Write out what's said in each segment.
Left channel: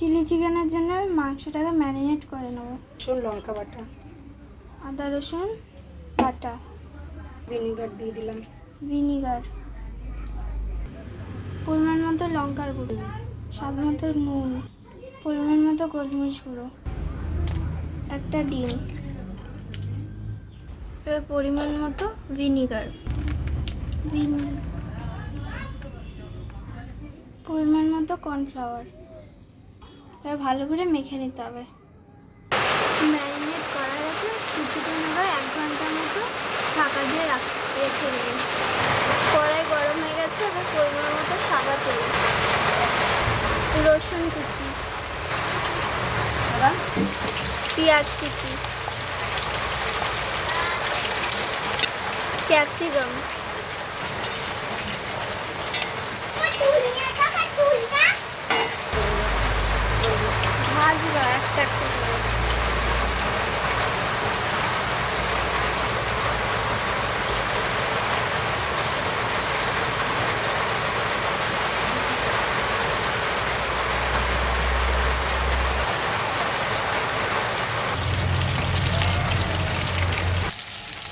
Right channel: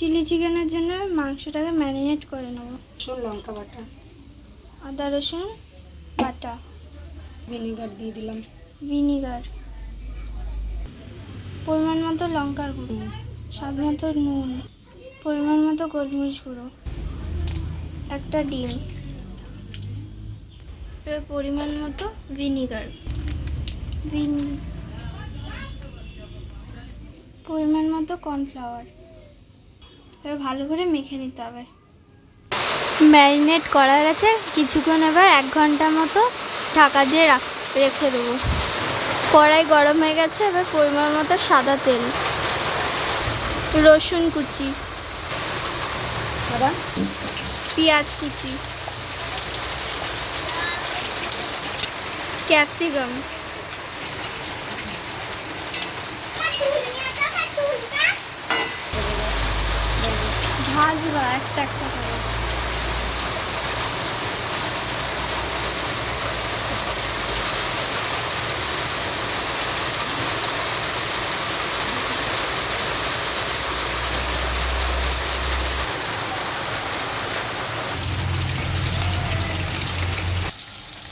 Chilli চিকেনের জন্য মাংসটাকে ম্যারিনেট করে নেব। রসুন লঙ্কা বাটা, আদা রসুন বাটা, ভিনেগার দিয়ে দিলাম, ভিনিগার, পরিমাণ মতো লঙ্কার গুঁড়ো, স্বাদ মতো নুন, পরিমাণ মতো গোলমরিচ গুঁড়ো, একটা ডিম, এবার পরিমাণ মতো ভিনিগার, পরিমাণ মতো কর্নফ্লাওয়ার। এবার ভালো করে মেখে নিতে হবে। ম্যারিনেট করা গেছে কিছুক্ষণ, এবার 1 ঘন্টা মতো ঢাকা দিয়ে রেখে দেবো। কড়াই গরম হয়ে গেছে, এবার পরিমাণ মতো সাদা তেল, রসুন কুচি, পেঁয়াজ কুচি, ক্যাপসিকাম, ভাজবা একটা একটা করে।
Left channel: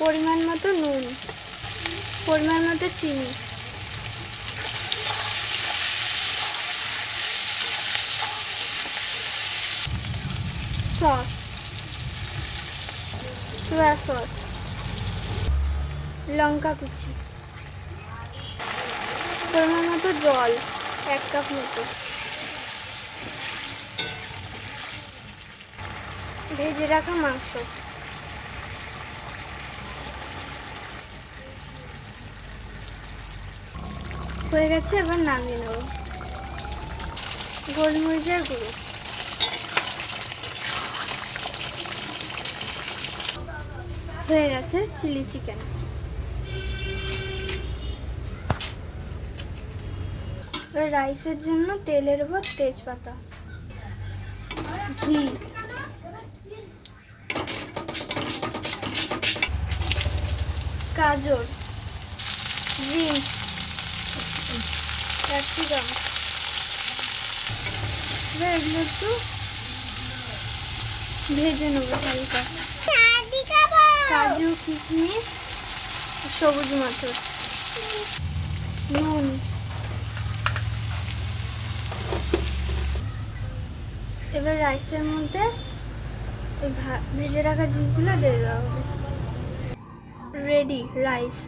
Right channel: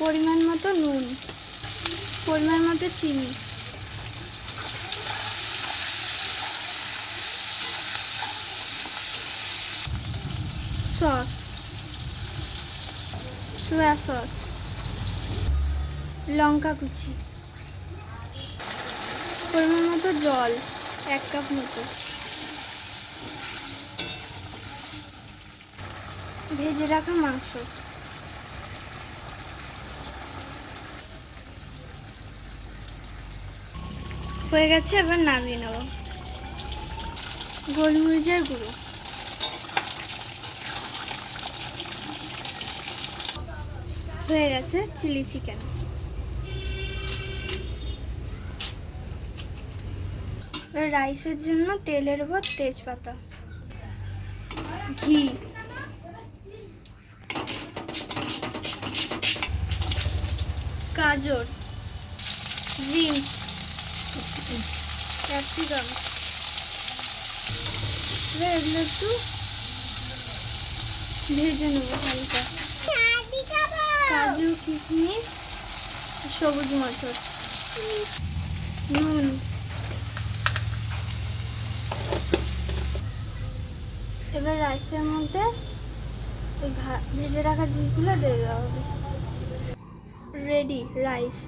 পরিমাণ মতো নুন, পরিমাণ মতো চিনি, সস, সোয়া সস, লঙ্কা কুচি, পরিমাণ মতো জল 1 কাপ মতো, ভেজে রাখা মাংস, হয়ে গেছে। এবার নামিয়ে নেব। গোলমরিচের গুঁড়ো, হয়ে গেছে চিলি চিকেন। এবার রাইসের জন্য তেলের উপর তেজপাতা, ঘি, গাজর, বিনস, ক্যাপসিকাম, এবার এগুলো একটু ভেজে নেবো হালকা। কাজু, কিশমিশ, সবুজ মটর, নুন, এবার রাইসের মধ্যে ওই ভেজে রাখা জিনিসগুলো দিয়ে দেওয়া হবে। Ready rice.